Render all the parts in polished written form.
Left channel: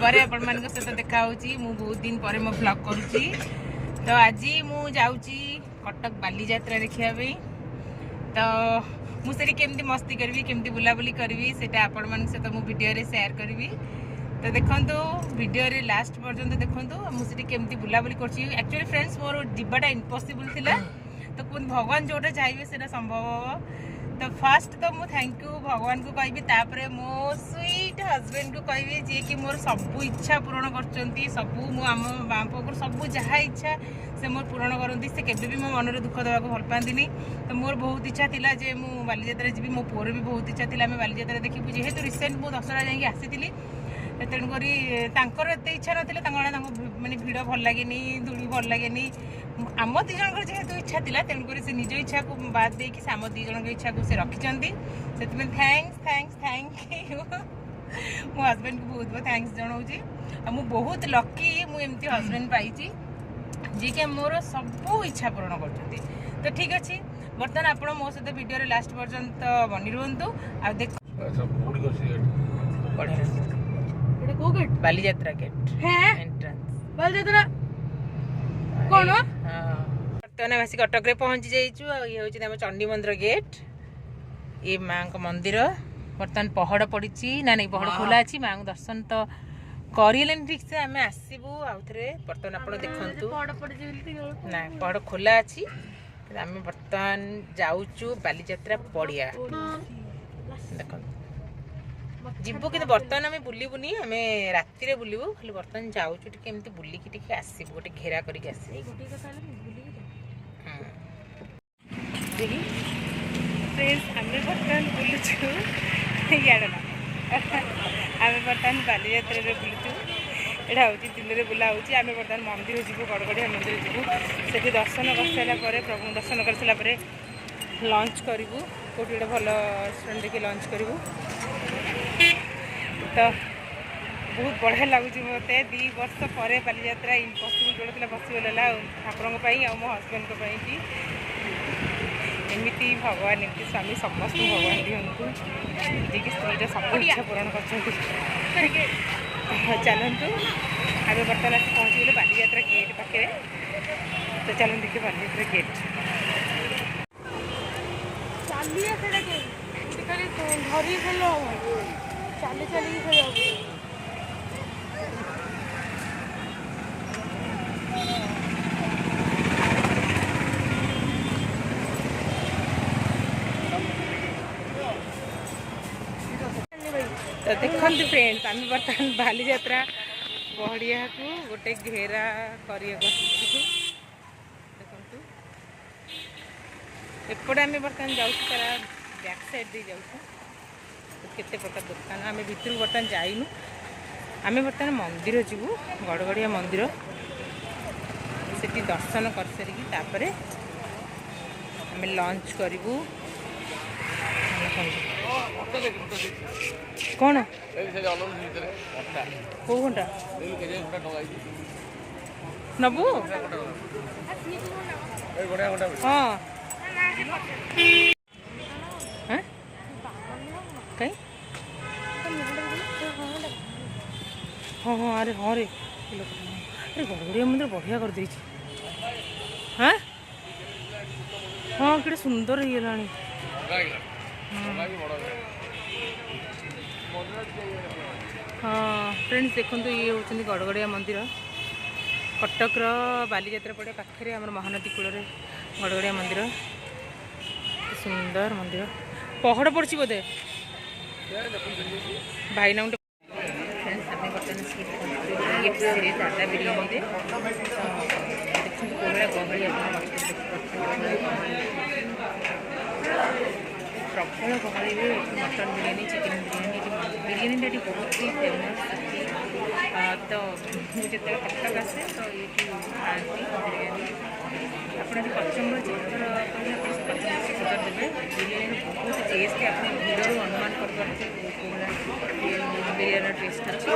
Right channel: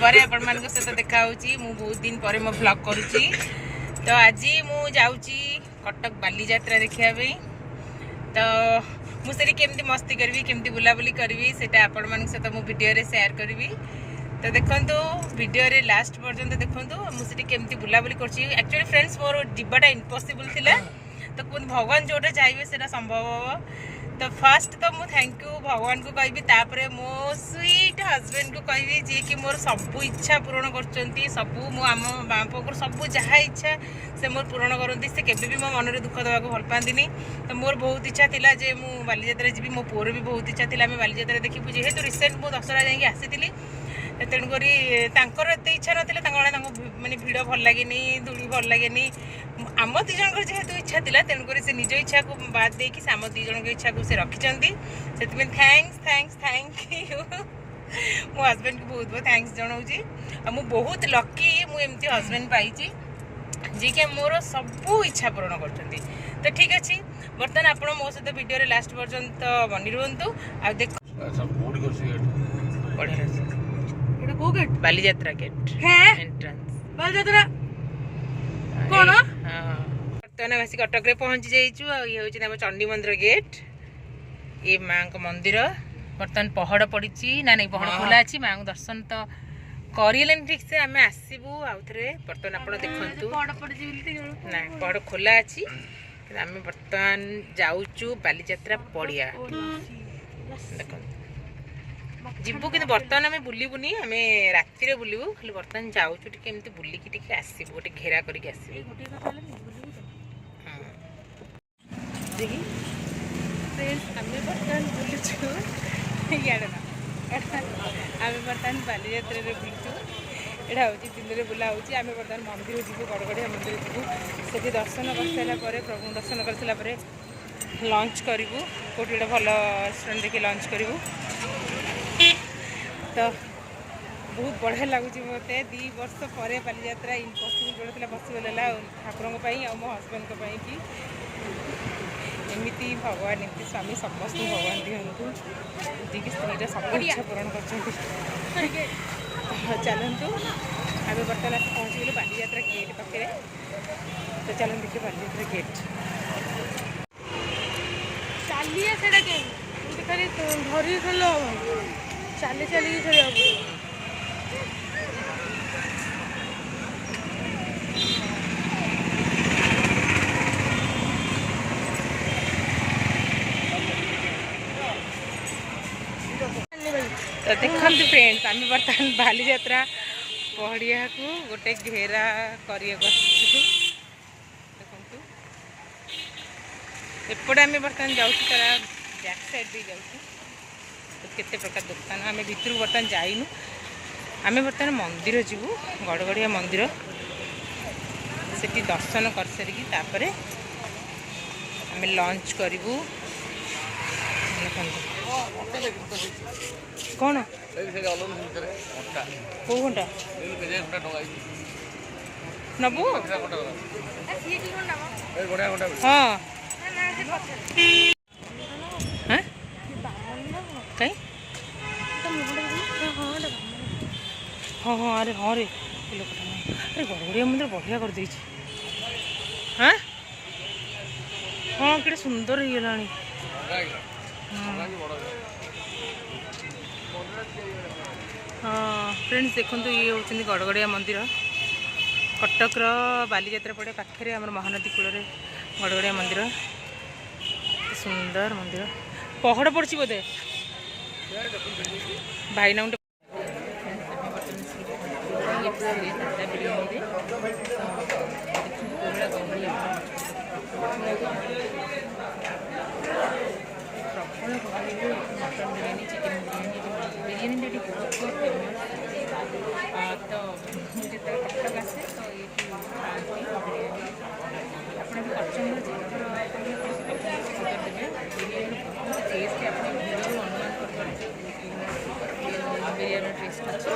पर आपण मान सहित देखा मु बहुत दिन पर मो ब्लॉग करुच्ची। तो आज मु जाऊँगी कटक बाली यात्रा देखा तो मुझे केमती मस्ती करी केमती बुलाबुली करी से आपण मान सहित मु वीडियो रे शेयर करी। तो देखो वीडियो रे लास्ट पर्यंत देखो मुझे केमती बुलाबुली कर। एक्चुअली फ्रेंड्स मोर जीवाटा इम्पॉसिबल थिला तो भगवान जोटा चाहिए से संभव हम। तो फास्ट तो मुझे थैंक यू भगवान को कहि मो स्वीट हजबैंड को कहि जी कि मोर सबू इच्छा पूरण कर सबू मो आम बापा सबू जहाँ इच्छा से मोर पूरण करती से केबे भी मो मन में दुख देवा भल पाती। तो मोर बहुत इच्छा थिला जे मु बालीयात्रा जी मो पुअर भी बहुत इच्छा थिला बालीयात्रा देखी जेहेतु रिसेंट मु दशहरा जाकि आसी तेणुक एत इच्छा ना माने भिड़ भल लगे धूली भल लगे आम दी जन जेहेतु इच्छा थी तेणुक से निज इच्छा को बाद देकी आम दी जन इच्छा को से रखिंट से थैंक्स थैंक्स थैंक यू मो हजबैंड को बहुत बहुत थैंक्स जनाऊँगी। मु बहुत लकी मुझे हजबैंड पाई जी कि मोर सबू इच्छा पूरण कर। तो ठीक अच्छे बर्तमान आप मो सहित वीडियो लास्ट पर्यंत बनी रुहतु। आ देख बालीयात्रा गेट एंट्रेंस बालीयात्रा कौन बर्तमान आसी कटक रे पहुंची जाइचु। ये होची हम चंडी मंदिर गेट ये माँ को मंदिर बर्तमान पहड़ पड़ी ना नहीं पहड़ खोला अच्छी माँ को दर्शन तो करें ठीक से आम आसबू आउ थे बर्तमान आप देखु ना पहड़ खोला अच्छी आम बर्तमान जाऊचु बालीयात्रा पड़िया देख जीवु कि बर्तमान आम बुलबुनि आम राति बुलबू खाली बर्तमान जाऊँ टी बुलिकी आसबू गोटे घेरा करके आम बर्तमान बुलुचु इे आम बर्तमान बालीयात्रा बुलुचु यहाँ हूँ दिन में बुला होती आम बर्तमान मंदिर जीवु गड़गड़िया मंदिर जीवु से दर्शन कर सारापर प्रभु दर्शन कर सारापर लंच करूँ कौट गोटे भल रेस्टोरेंट देखिए लंच करूँ। तो बहुत बढ़िया लगुच मत 2 वर्ष पर बालीयात्रा इम्पॉसिबल जोड़ा था पॉसिबल है ठाकुर मो हजबैंड कि एमती भगवान एमती स्वामी समस्त भगवान दिंतु जी कि स्त्रीटा सब इच्छा पूरण कर। चलतु आम बर्तमान आस पहुँची गले बालीयात्रा गेट पाखे। तो चलन देखिए बालीयात्रा गेट चलिए धरी चली चलिए खेल तो देखते फ्रेंड्स आम बर्तमान बालीयात्रा पहड़िया को गोटे घेरा कर देखु एपटे आम बर्तमान जाऊँ तारा बैक साइड दे जाऊँ तो केते प्रकार दुकान आम भितर बर्तमान जाइनु आम बर्तमान मंदिर जीवु गड़गड़िया मंदिर से दर्शन कर सारिकी तापर आम लंच करूँ। कौन कौ घंटा नबू हाँ कहीं हाँ हाँ अरे हाँ रे अरे गड़गड़िया मंदिर बढ़िया कर देछि। हाँ हाँ कि सुंदर हो गला हाँ फ्रेंड्स देखो ये होती गड़गड़िया मंदिर कटक बालीयात्रा पड़े पाखे आम महानदी कूल गड़गड़िया मंदिर सुंदर मंदिर पहड़ पड़ी बोधे भाई ना बर्तमान दादा बिरियानी प्रबल गहली मटन बिरियानी चिकेन बिरियानी बिरियानी बहुत ही फेमस। तो मुझे कटक आसे तो ये खाती बिरियानी आपड़ कचम्बर जितर कचम्बर देवे बिरियानी बहुत टेस्ट आप भिड़ू अनुमान कर बिरियानी टेस्ट अच्छे।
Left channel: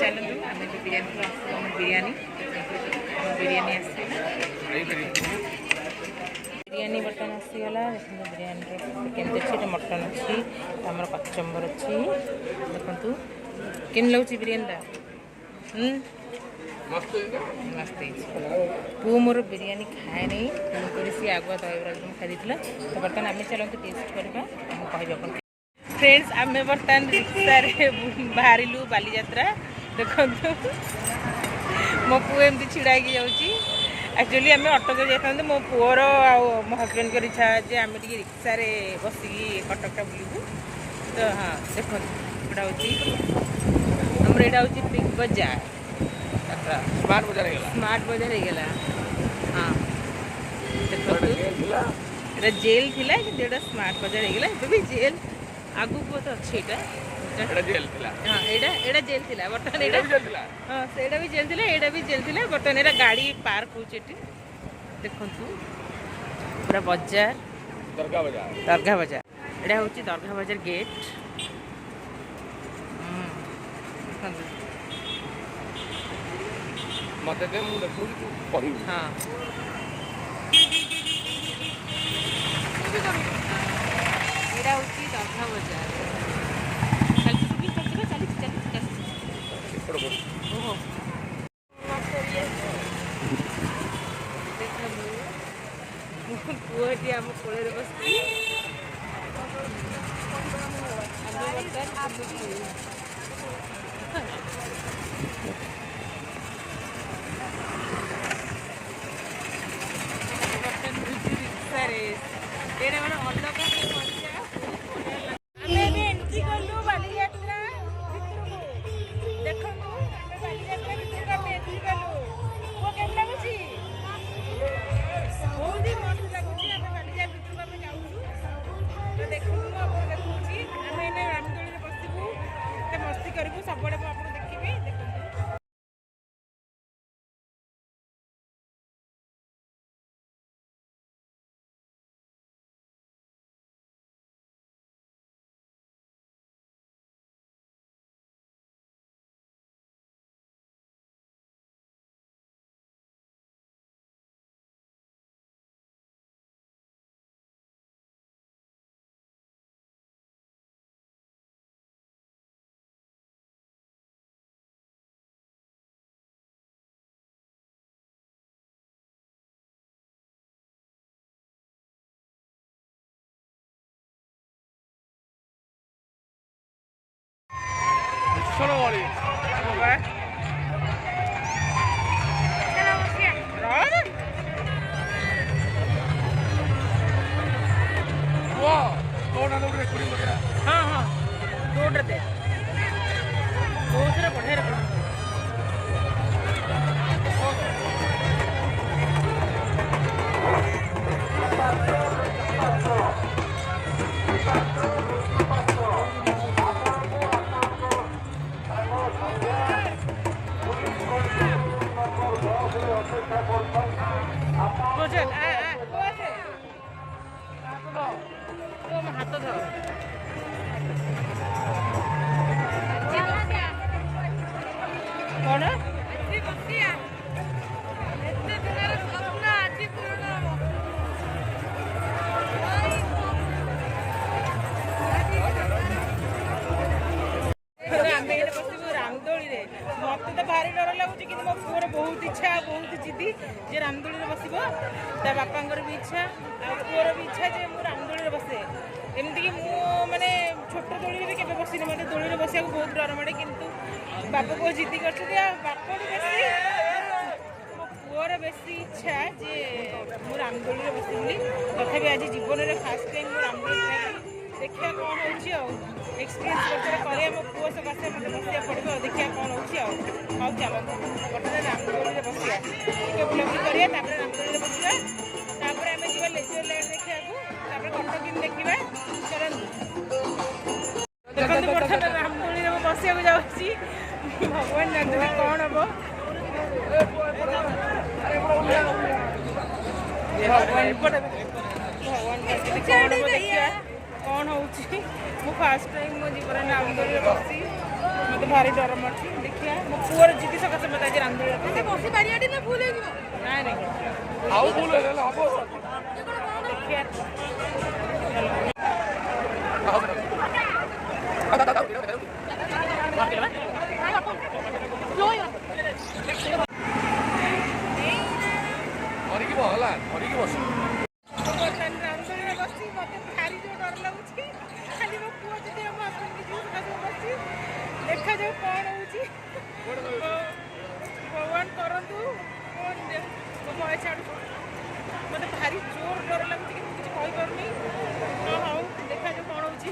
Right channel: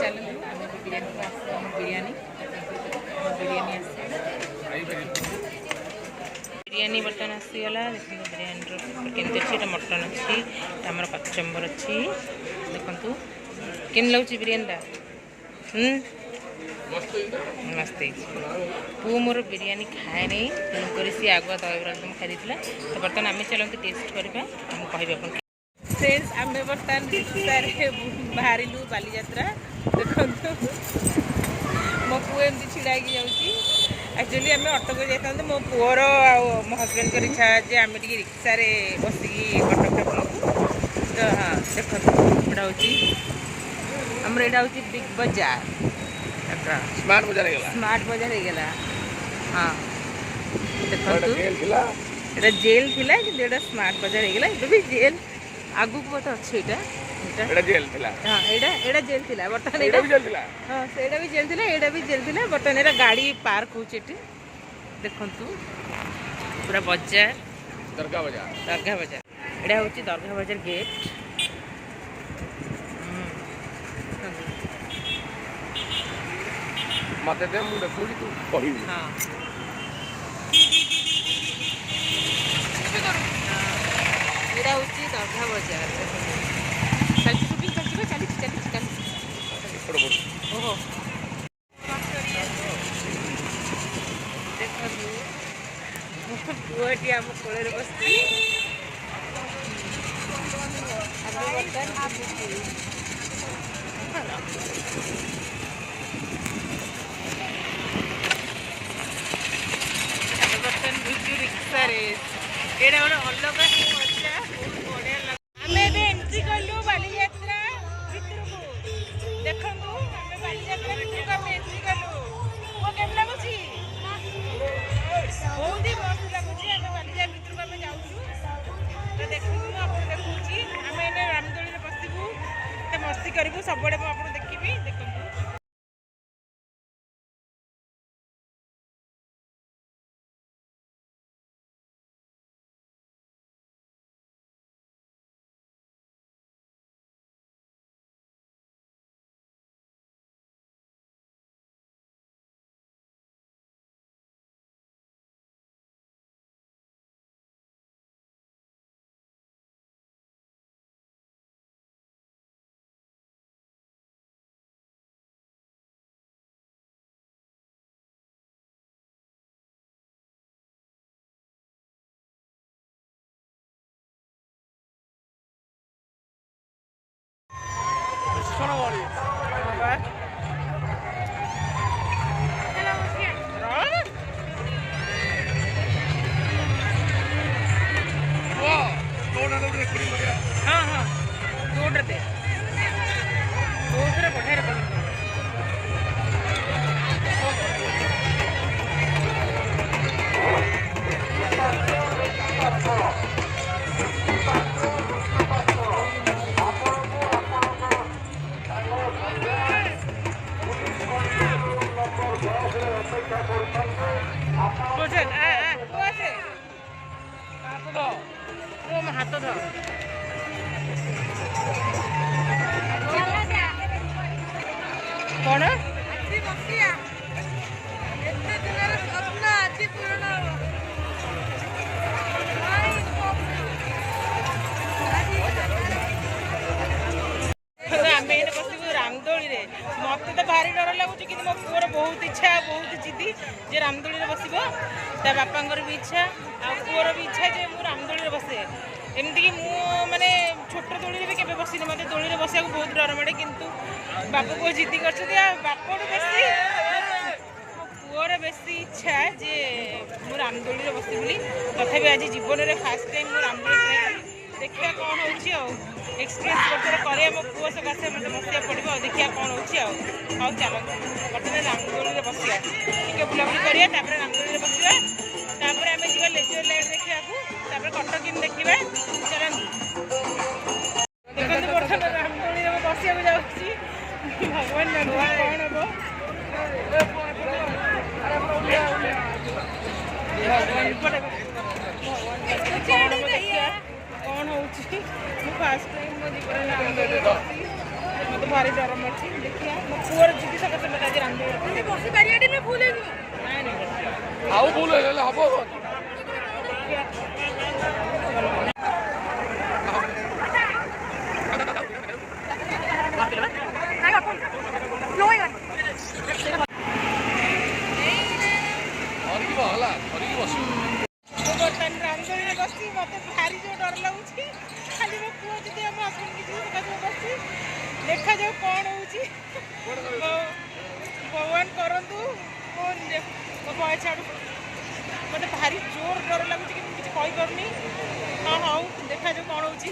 चलते आम बिरियानी आस बिरियानी बिरियानी आस बिरियानी बर्तमान आसीगला देखो बिरियानी केमती अच्छी मटन अच्छी आमर कचम्बर अच्छी देखु କେନ୍ ଲାଗୁଛି ବିରିୟାନୀଟା? ମସ୍ତ ହେଇଛି। ପୁଅ ମୋର ବିରିୟାନୀ ଖାଏ ନାହିଁ, ତେଣୁକରି ସିଏ ଆଗୁଆ ଦହିବରା ଆଳୁଦମ୍ ଖାଇ ଦେଇଥିଲା। ତ ବର୍ତ୍ତମାନ ଆମେ ଚାଲନ୍ତୁ ଟେଷ୍ଟ କରିବା, ଆମକୁ କହିବେ ଆପଣ। ଫ୍ରେଣ୍ଡସ୍, ଆମେ ବର୍ତ୍ତମାନ ରିକ୍ସାରେ ବାହାରିଲୁ ବାଲିଯାତ୍ରା। ଦେଖନ୍ତୁ ମୋ ପୁଅ ଏମିତି ଛିଡ଼ା ହେଇକି ଯାଉଛି। ଆକ୍ଚୁଆଲି ଆମେ ଅଟୋରେ ଯାଇଥାନ୍ତେ, ମୋ ପୁଅର ଆଉ ମୋ ହଜବେଣ୍ଡଙ୍କର ଇଚ୍ଛା ଯେ ଆମେ ଟିକେ ରିକ୍ସାରେ ବସିକି କଟକଟା ବୁଲିବୁ। ତ ହଁ ଦେଖନ୍ତୁ, ଏଇଟା ହେଉଛି ଆମର, ଏଇଟା ହେଉଛି ବିଗ୍ ବଜାର, ସ୍ମାର୍ଟ ବଜାର ହେଇଗଲା। ସ୍ମାର୍ଟ ବଜାର ହେଇଗଲା। ହଁ ଦେଖନ୍ତୁ, ଏଇଟା ଜେଲ୍ ଥିଲା କିନ୍ତୁ ଏଇଟା ସ୍ମାର୍ଟ ବଜାର ହେଇଗଲା। ଏବେ ବି ଜେଲ୍ ଆଗକୁ ବୋଧେ ଅଛି। ଏଇଟା ଜେଲ୍ ଥିଲା। ହଁ ଏଇଟା ଜେଲ୍ ଥିଲା, ବର୍ତ୍ତମାନ ଏଇଟା ବି ଜେଲ୍ ଥିଲା। ହଁ ସେଇଟା ବି ଜେଲ୍ ଥିଲା, ଏଇଟା ବି ଜେଲ୍ ଥିଲା। ବର୍ତ୍ତମାନ ଏଇଟା ଗାଡ଼ି ପାର୍କ ହେଉଛି ଏଠି। ଦେଖନ୍ତୁ ପୁରା ବଜାର, ଦର୍ଗା ବଜାର। ଦର୍ଗା ବଜାର, ଏଇଟା ହେଉଛି ଦର୍ଗା ବଜାର ଗେଟ୍। ଦେଖନ୍ତୁ ମତେ ଦେ, ମୁଁ ଦେଖୁଛି ତୁ କହିବି। ହଁ ଏଇଟା ହେଉଛି ଦର୍ଗା ବଜାର। ଚାଲିଛି ଓହୋ ଦେଖନ୍ତୁ, ମୋ ପୁଅଟି ଆମ କୋଳରେ ବସିଛି। ଆମେ ବର୍ତ୍ତମାନ ରିକ୍ସାରେ, ଏଇଟା ଗୋଟେ ଅଲଗା ହିଁ ମଜା, ବହୁତ ବଢ଼ିଆ ଲାଗୁଛି। ଆମେ ଏବେ ଏଣ୍ଟ୍ରି କଲୁ ବାଲିଯାତ୍ରା ଭିତରକୁ। ଦେଖନ୍ତୁ ଆମେ ବାଲିଯାତ୍ରା ଭିତରକୁ ଆମେ ଏଣ୍ଟ୍ରି କଲୁ। ପୁଅ କେମିତି ଲାଗୁଛି? ବହୁତ ହି ମସ୍ତ ଲାଗୁଛି। ଆମେ ବାଲିଯାତ୍ରା ଭିତରକୁ ଆମେ ଯାଉଛୁ। ତ ଦେଖନ୍ତୁ, ମୁଁ ଆପଣଙ୍କୁ ଦେଖାଉଛି। ଆମେ ଏଇନେ ରାମଦୋଳିରେ ବସିବୁ, ଏତେ ମସ୍ତି କରିବୁ, ସବୁଆଡ଼େ ମୁଁ ଆପଣଙ୍କୁ ଦେଖିବି। ଦେଖନ୍ତୁ हाँ हाँ रोड दे बहुत सारा बढ़िया रखा हाथ ध कौन रामदोली रे मत तो भारी डर लगुच कि मो पुअर बहुत इच्छा बहुत जिदी जे रामदोली रे बसबो ता बापांकर भी इच्छा आ पुअर भी इच्छा जे मु रामदोली रे बसे एमती कि मु माने छोट दोली रे भी केबे बसिनी मते दोली रे बसिया बहुत डर माडे किंतु बापा को जिद्दी करछथि आ बापाडू बेसी मो पुअर बेसी इच्छा जे मु रामदोली रे बसि बोली तथापि आज जीवन रे फर्स्ट टाइम मु रामदोली ट्राई करी देखिया कौन होची आ एक्सपीरियंस करते करे मो पुओ सकाशे मत बसिया पड़ो देखिया कौन होची आ चलो बर्तमान रामदोली रे बसिया टिके बुलाबुली करिया तापर रामदोली रे बसिया तापर आमे जीवा लेजर लाइट देखिया तापर कटक इन देखिबा चलंतु देखंतु बर्तमान रामदोली रे बसिया को जाउची भगवान जानते कौन हबो भगवान भगवान कौन हबो देखिया कौन होची मु फर्स्ट टाइम मो जीवन रामदोली बसी मत भारी डर मारती देखिया मो पुअर जीती सकाशे मत आज रामदोली बसी बारियाडी ने भूल नहीं नहीं आउ भूल हेले हबो देखिया ଧରିଯିବ ହେଲା ଧରିକି ବସିବ। ମୁଁ ବର୍ତ୍ତମାନ ରାମଦୋଳିରେ ବସିଛି। ମୋତେ ଭାରି ଯୋଉ ଡର ଲାଗୁଛି। ଖାଲି ମୋ ପୁଅ ଯଦି ଆମ ହଜବେଣ୍ଡ କିଛି ବସିଛି। ଦେଖାଯାଉ କ'ଣ ହେଉଛି। ଭଗବାନ କରନ୍ତୁ ମୋ ଭୟ ଛାଡ଼ୁ। ମୋତେ ଭାରି ଜୋର ଡର ଲାଗୁଛି କିନ୍ତୁ କିଛି କହିପାରୁନି। ହଁ ହଉ ଦେଖାଯାଉ କ'ଣ ହେଉଛି।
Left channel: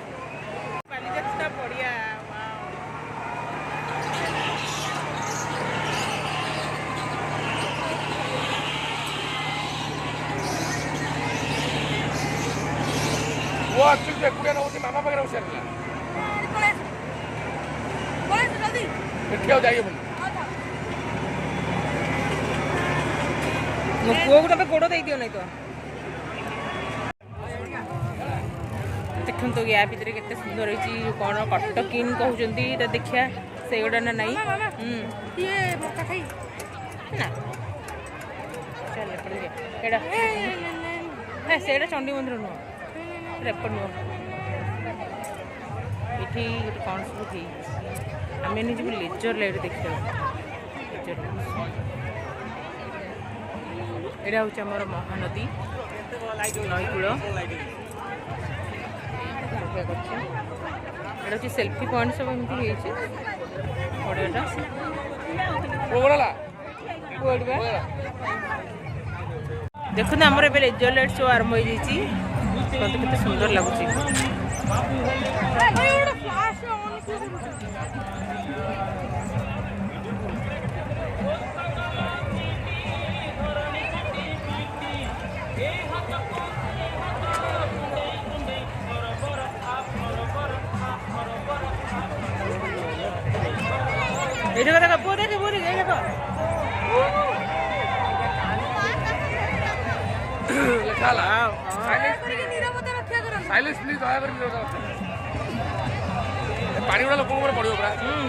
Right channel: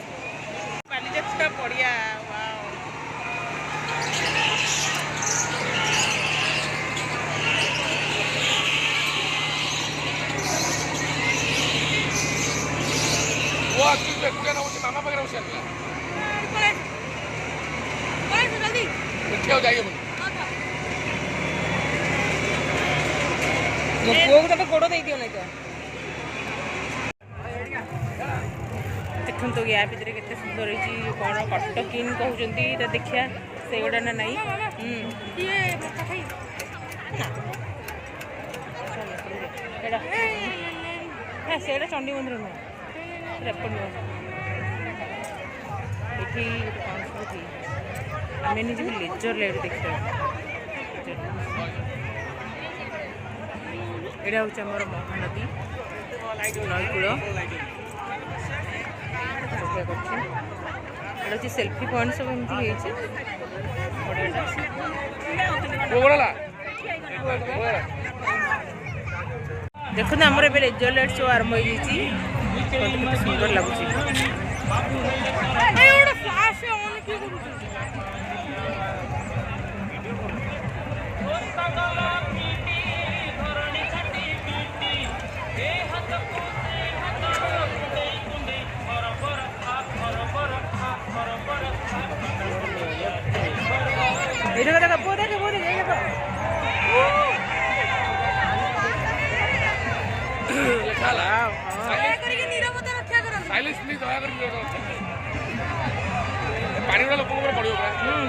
ବାଲିଯାତ୍ରା ପଡ଼ିଆ ୱାଓ। ପୁଅ ଆସୁଛି ଏକୁଟିଆ ନେଉଛି ମାମା ପାଖରେ ବସିବା ଏଠି ଆଉ ଯାଇ ହେବନି। ମୋ ପୁଅକୁ ତମେ ଗୋଡ଼ ଦେଇଦିଅ ନାଇଁ ତ। ଦେଖନ୍ତୁ ୟା ଭିତରେ କେତେ ସୁନ୍ଦର ହେଇଛି। କ'ଣ କଟକିନ୍ କହୁଛନ୍ତି ତ ଦେଖିବା ସେଇଗୁଡ଼ା ନା ନାଇଁ। ନା ଚାଲ ଏଇଟା হ্যাঁ ସେଇଟା ଚଣ୍ଡୀ ମନ୍ଦିର ନୁହଁ ଏପଟ ନୁହଁ। ଏଠି ଗୋଟେ କ'ଣ ସବୁ ହେଇଛି। ଆମେ ଯିବୁ ଲେଜର ଲାଇଟ୍ ଦେଖିବାକୁ। ଏଇଟା ହେଉଛି ଆମର ମହାନଦୀ ନଈକୂଳ। କରୁଛି ଏଇଟା ହେଉଛି ସେଲ୍ଫି ପଏଣ୍ଟ ସବୁ ଏମିତି ହେଇଛି ବଢ଼ିଆଟା। ଦେଖନ୍ତୁ ଆମର ଏବେ ଲେଜର ଲାଇଟ୍ ଶୋ ଆରମ୍ଭ ହେଇଯାଇଛି। କେତେ ସୁନ୍ଦର ଲାଗୁଛି। এই জায়গা দেখা পুরো দেখে এই জায়গা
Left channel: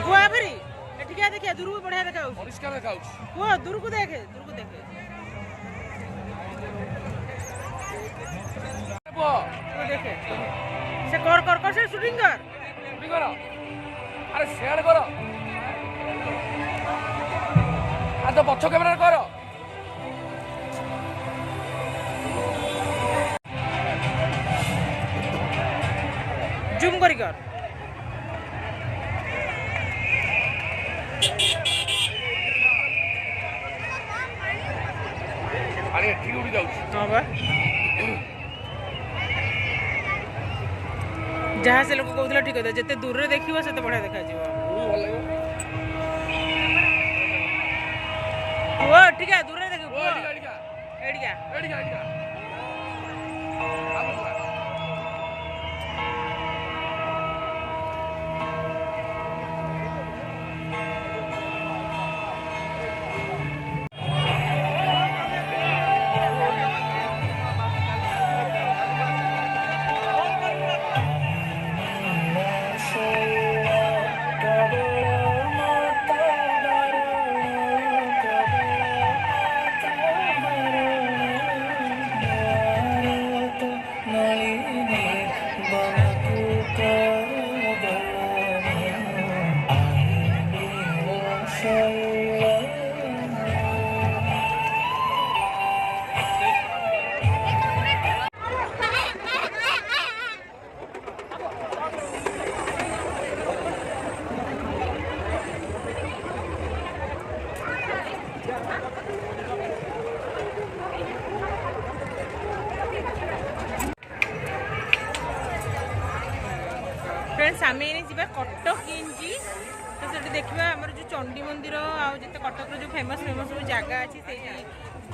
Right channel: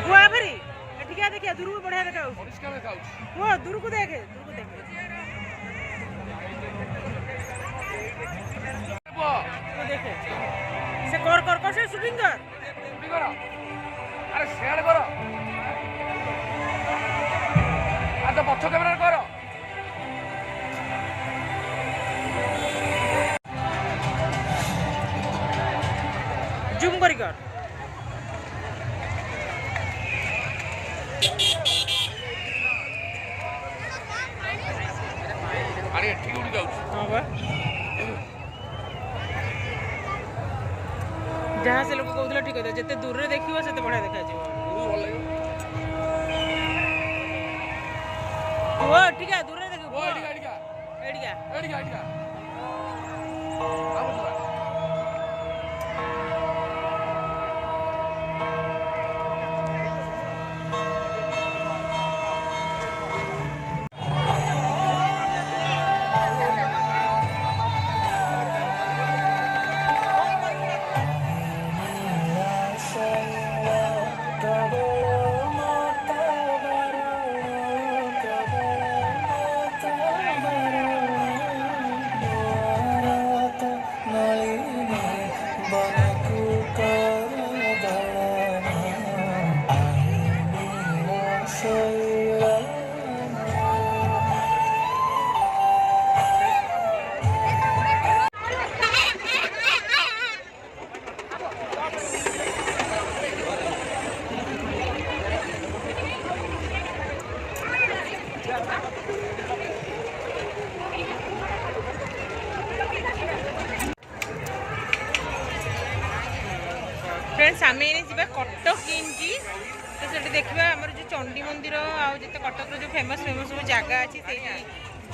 କୁଆ ଫେରି ଏଠିକି ଦେଖିଆ ଦୂରକୁ ବଢିଆ ଦେଖା ହଉଛି। କୁହ ଦୂରକୁ ଦେଖେ ଦେଖେ ସେ କର ସେ ସୁଟିଂ କର। ଆରେ ସେଆଡେ କର ତ ପଛ କ୍ୟାମେରା କର। ଜୁମ୍ କରି କର। ଆରେ ଏଠିକି ଉଠି ଯାଉଛି। ହଁ ବା ଯାହା ସେ ଲୋକ କହୁଥିଲା ଠିକ କଥା। ଯେତେ ଦୂରରେ ଦେଖିବ ସେତେ ବଢିଆ ଦେଖାଯିବ। ପୁଅ ଟିକେ ଦୂରରେ ଦେଖିବ। ପୁଅ ଏଠିକା फ्रेंड्स आम जा कटक इनकी तो से देखा आम जो चंडी मंदिर आउ जो कटक जो फेमस फेमस सब जगह अच्छी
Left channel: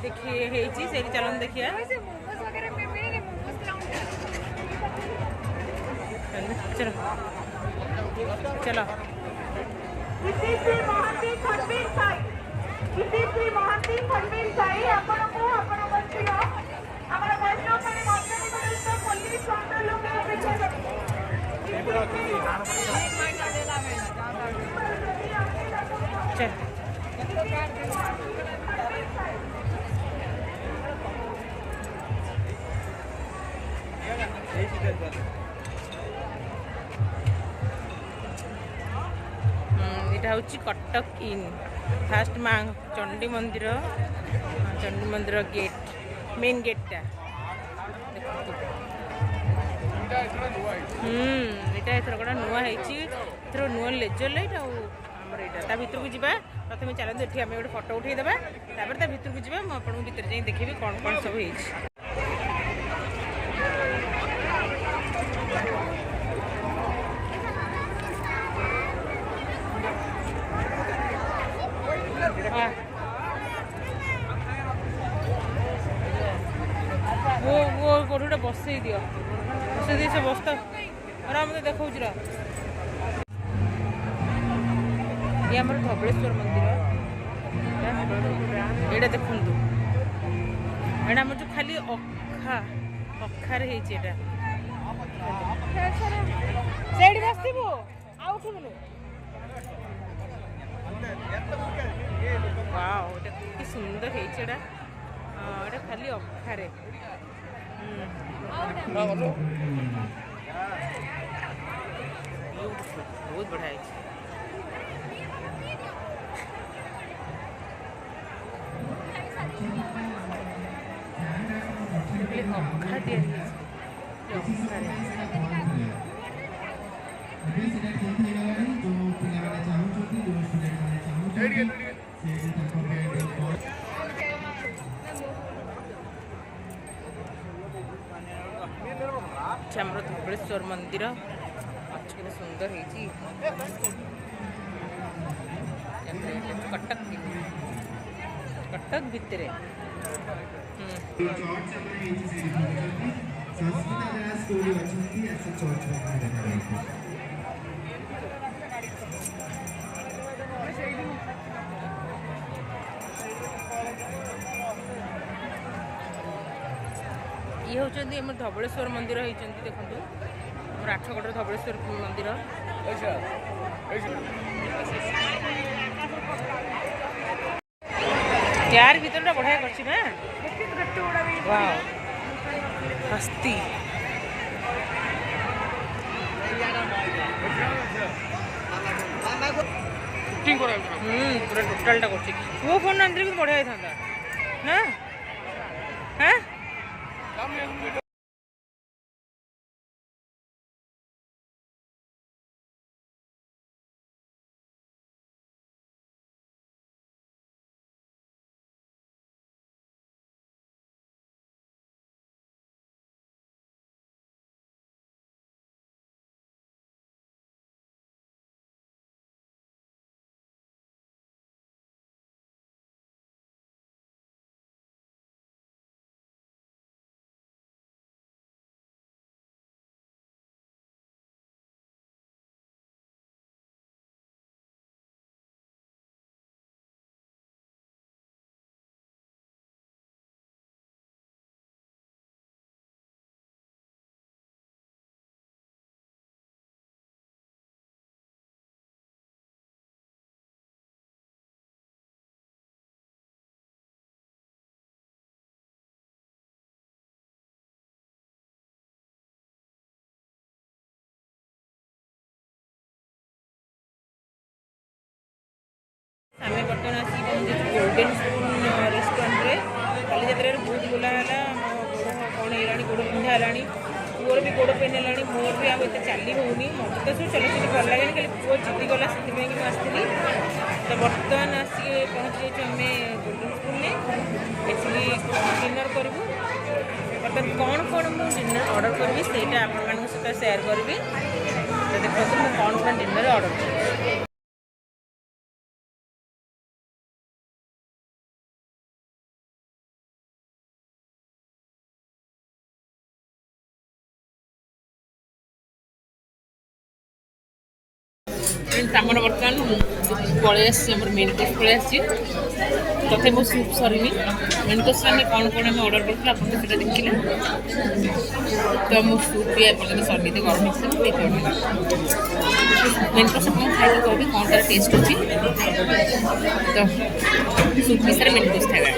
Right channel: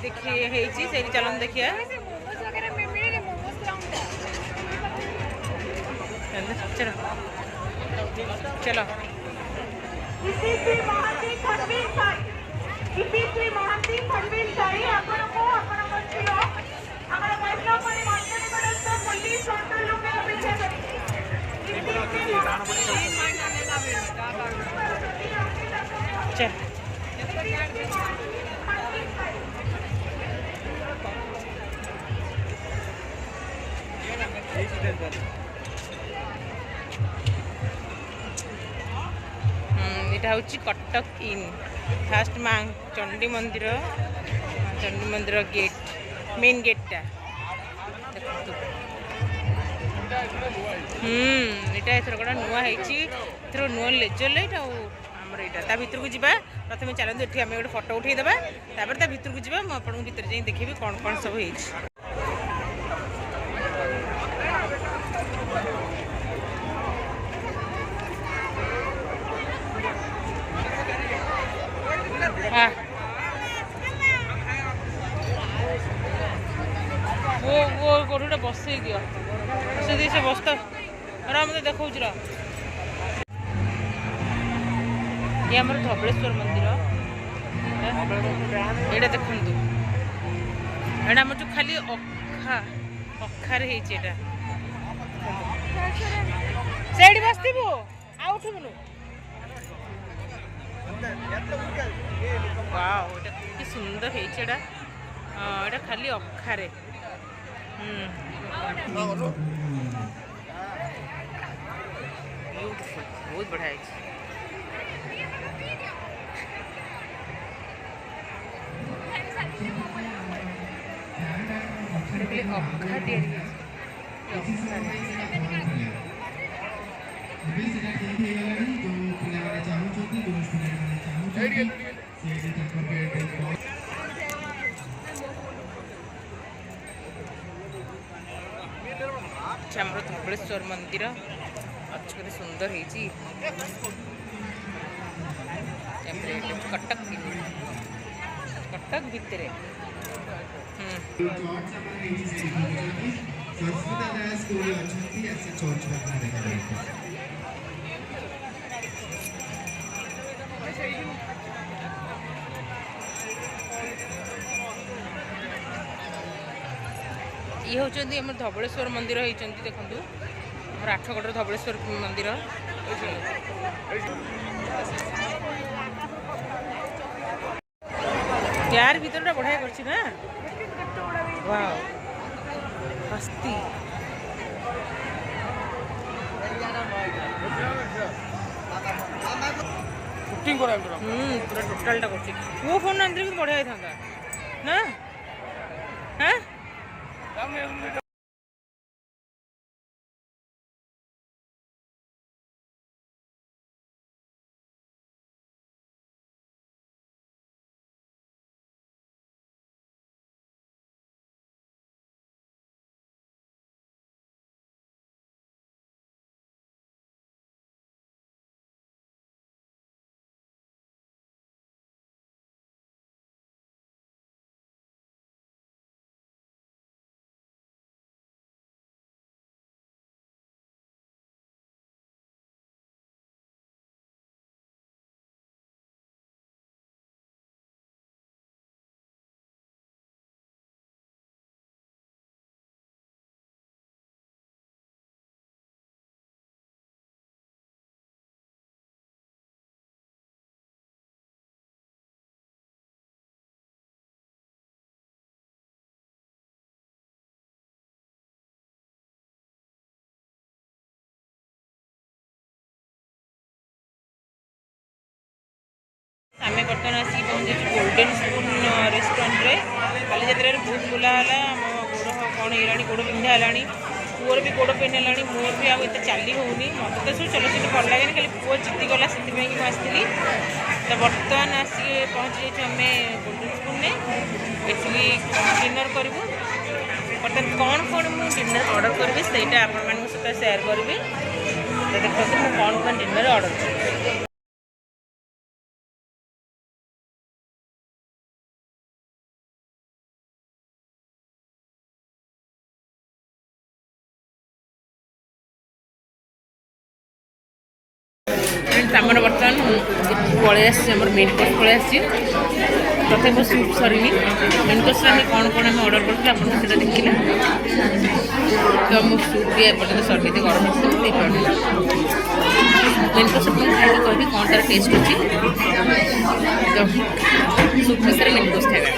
देखी से चलन देखिए चलो चलो चल यहाँ हूँ कटक इन फास्ट माँ चंडी मंदिर गेट मेन गेटटा देखो एटा एथर कड़ा नुआ होइछि एथर नुआ लेजर लाइट आ हमर एटा ता भीतर को जिबा प्रथमे चलंदु एठी हम एगो फोटो उठै देबा तापर ता भीतर को जिबा म आपन भीतर जाई देखिबी कोन कोन सब होइछि वो गोटे बसई दिया से बस्ता मत देखा ये आम धबलेश्वर मंदिर ये देखु एटा आम जो खाली अखार होटा से बसबू आठबुनु वाओ एटा कि सुंदर है खाली अखारे ब्यूटीफुल बहुत बढ़िया है अखा आमर धबलेश्वर मंदिर अच्छे सुंदर है कटक कटक भितर ये होचंदी हमर धबलेश्वर मंदिर होइचंती देखंतु हमर आठगढ़ धबलेश्वर मंदिर यार भीतरटा बढ़िया करछि ना वाओ हस्ती शूटिंग करा पूरा टोटलटा करछि वो फोन आंदरे कि बढ़िया थांदा ना हैं आम बर्तमान आसिक पहुँचे गोल्डन स्पून रेस्टोरेंट रे बालीजात्रा बहुत बुला है गोड़ कौन है गोड़ पिंधा है पुअर भी गोड़ पेन है मोर भी आते चली होनी मत तो सब चलचित्र भल लगे खाली पुओ जिद्दी गला से आसती तो बर्तमान आसिक पहुँची जाइए आम गोल्डन स्पून में एठी डिनर करूँ बर्तमान कौन कौन मुझे डिनर ऑर्डर करी से आपण सहित सेयार करी तो देखो मुझे कौन कौन डिनर ऑर्डर कर आमर बर्तमान पलि आम मेन कोर्स पलि आसी तथे मो सूप सरी मेन कोर्स में कौन कौन आम ऑर्डर करते आपको देखिले तो मो सूप भी एपर्तन सरी गरम होती मेन कोर्स खाई कह कौन तार टेस्ट अच्छी तो सूप विषय मेन कोर्स खाई